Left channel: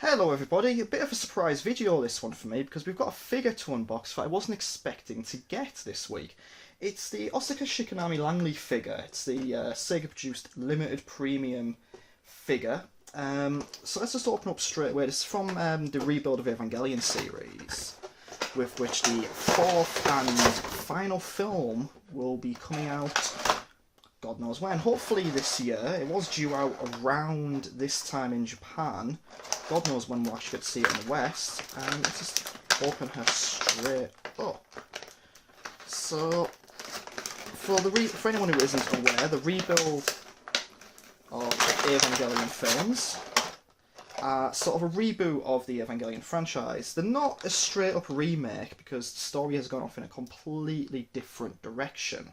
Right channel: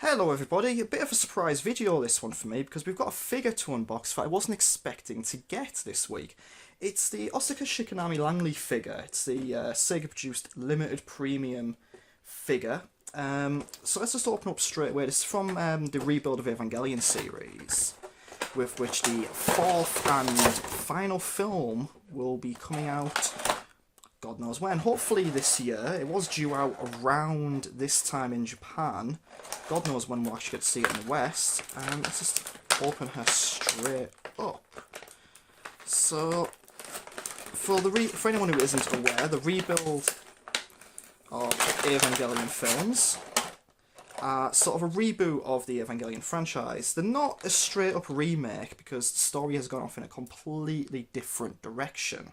Hello everybody, a bit of a surprise video this one for me because we've got a figure to unbox that I wasn't expecting to get this week. It's the Asuka Shikinami Langley figure. It's the Sega produced limited premium figure. So let's just open up straight away. This is from the rebuild of Evangelion series, with which the fourth and final film will be coming out God knows when. Hopefully this year. It was due out around this time in Japan. God knows when we'll actually get to see it in the West. Let's just open her straight up. So, for anyone who isn't aware, the rebuild of Evangelion films are sort of a reboot of the Evangelion franchise. They're not a straight up remake because the story has gone off in a completely different direction.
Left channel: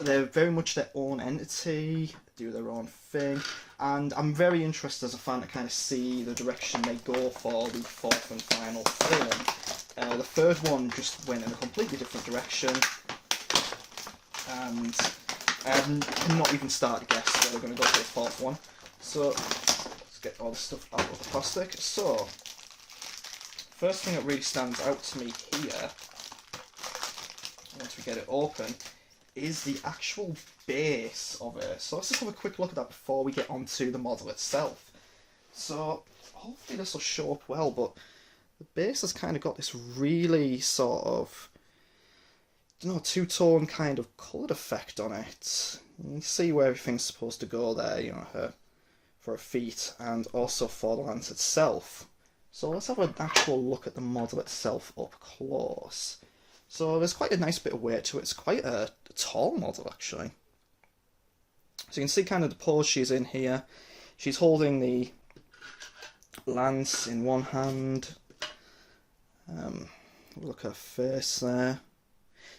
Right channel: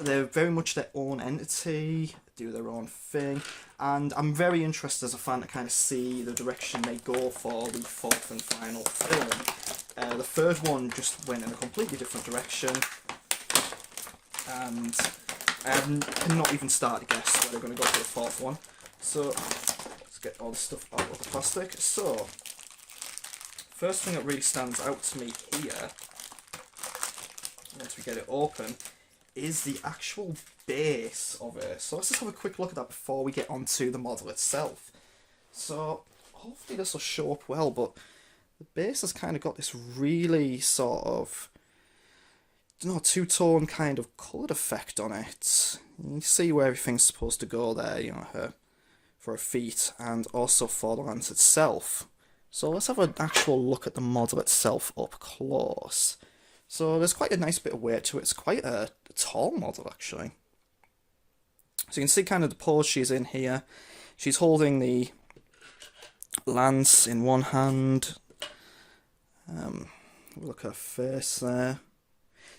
They're very much their own entity, do their own thing, and I'm very interested as a fan to kind of see the direction they go for the fourth and final film. The third one just went in a completely different direction, and cannot even start to guess where they're going to go for the fourth one. So let's get all the stuff out of the plastic. So first thing that really stands out to me here, once we get it open, is the actual base of it. So let's just have a quick look at that before we get onto the model itself. So hopefully this will show up well, but the base has kind of got this really sort of, two-tone kind of coloured effect on it. You see where everything's supposed to go there, for her feet and also for the lance itself. So let's have an actual look at the model itself up close. So there's quite a nice bit of weight to it. It's quite a tall model, actually. So you can see kind of the pose she's in here. She's holding the lance in one hand. Look at her face there.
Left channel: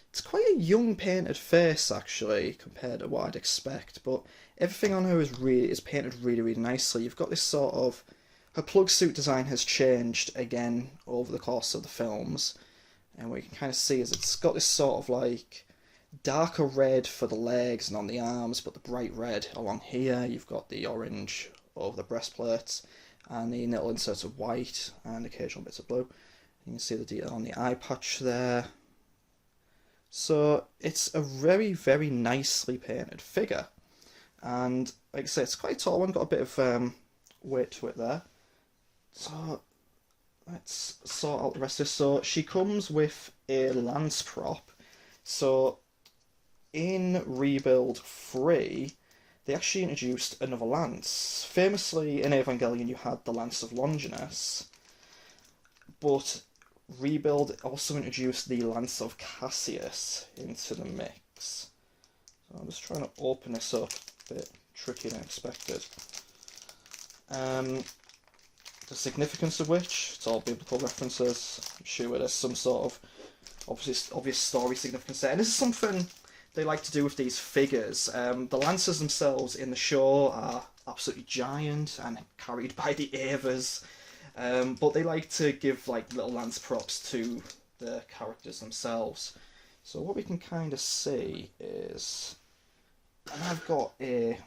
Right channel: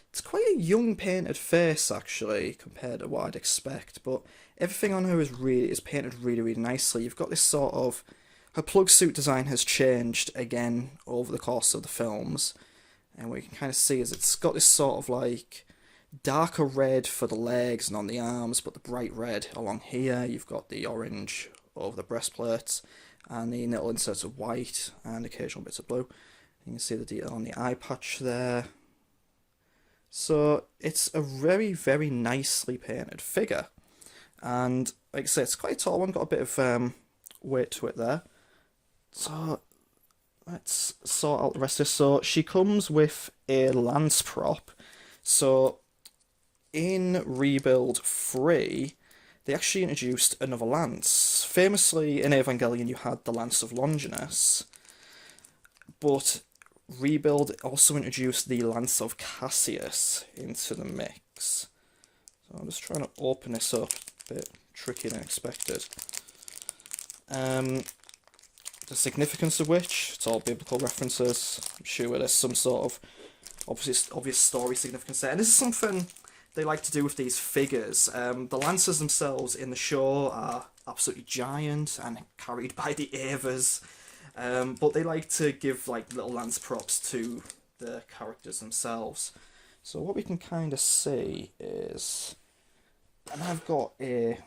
It's quite a young painted face, actually, compared to what I'd expect. But everything on her is painted really, really nicely. You've got this sort of... Her plug suit design has changed again over the course of the films. And what you can kind of see is it's got this sort of like darker red for the legs and on the arms, but the bright red along here. You've got the orange over the breastplates and the little inserts of white and occasional bits of blue. You can see the detail on the eye patch there. So it's a very, very nicely painted figure. And like I say, it's quite a tall one, got a bit of weight to it there. So let's sort out the rest of this. So she comes with a lance prop. So in Rebuild 3, they actually introduced another lance. Famously in Evangelion you had the Lance of Longinus, but Rebuild also introduced the Lance of Cassius into the mix. So I'm just trying to open this up, a bit trickier than expected. The significance of which, it's all biblical references. I'm sure there's some sort of obvious story significance there. And this is something they like to do with these figures. The lances themselves in the show are absolutely giant and carried by the Avas. But they like to give like little lance props to the characters themselves. So what we can kind of see is, and I've got a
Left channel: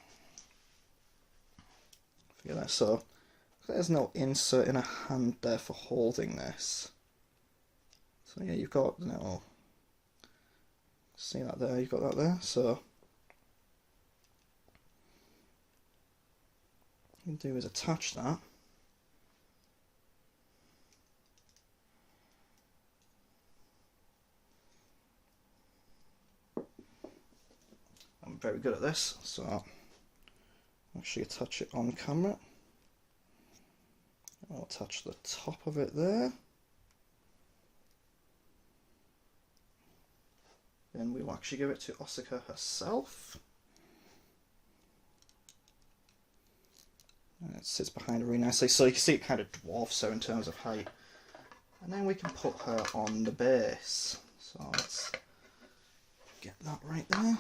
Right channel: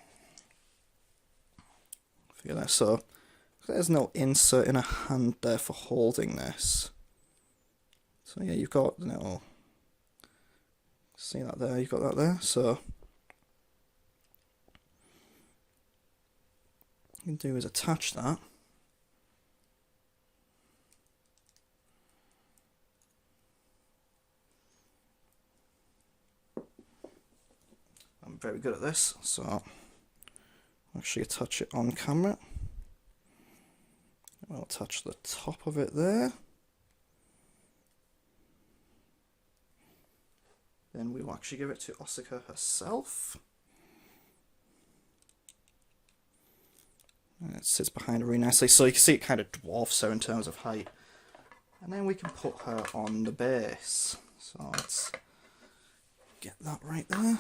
figure there, so there's no insert in a hand there for holding this. So yeah, you've got, see that there, you've got that there. So what you can do is attach that. I'm very good at this, so I'll actually attach it on camera. I'll attach the top of it there. Then we will actually give it to Asuka herself. And it sits behind her really nicely, so you can see it kind of dwarfs her in terms of height. And then we can put her on the base. So let's get that right there.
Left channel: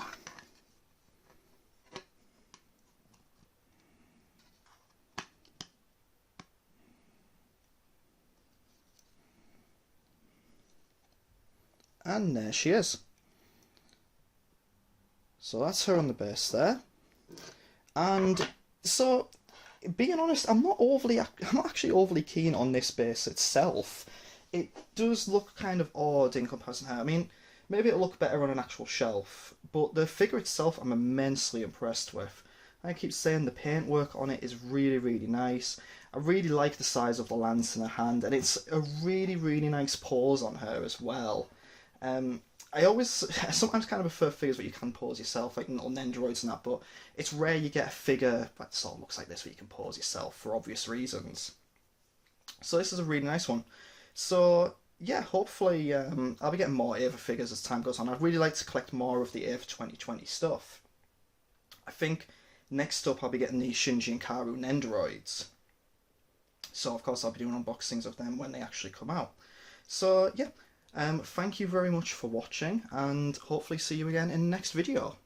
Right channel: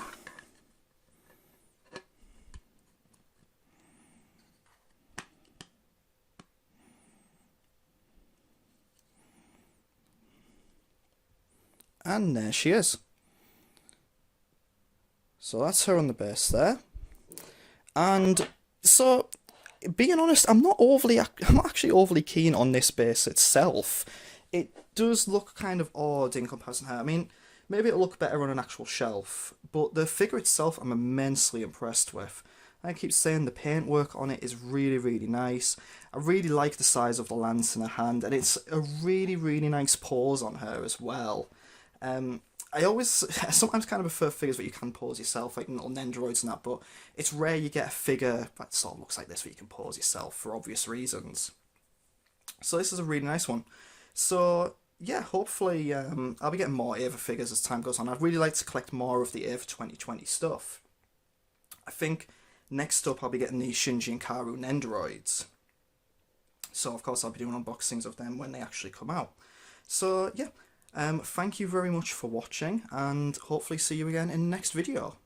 And there she is. So that's her on the base there. And so being honest, I'm not actually overly keen on this base itself. It does look kind of odd in comparison to how, I mean, maybe it'll look better on an actual shelf, but the figure itself I'm immensely impressed with. I keep saying the paintwork on it is really, really nice. I really like the size of the lance in her hand, and it's a really, really nice pose on her as well. I always, I sometimes kind of prefer figures that you can pose yourself, like little Nendoroids and that, but it's rare you get a figure that sort of looks like this that you can pose yourself for obvious reasons. So this is a really nice one. So yeah, hopefully I'll be getting more Ava figures as time goes on. I'd really like to collect more of the Ava 2020 stuff. I think next up I'll be getting the Shinji and Karu Nendoroids. So of course I'll be doing unboxings of them when they actually come out. So yeah, thank you very much for watching, and hopefully see you again in the next video.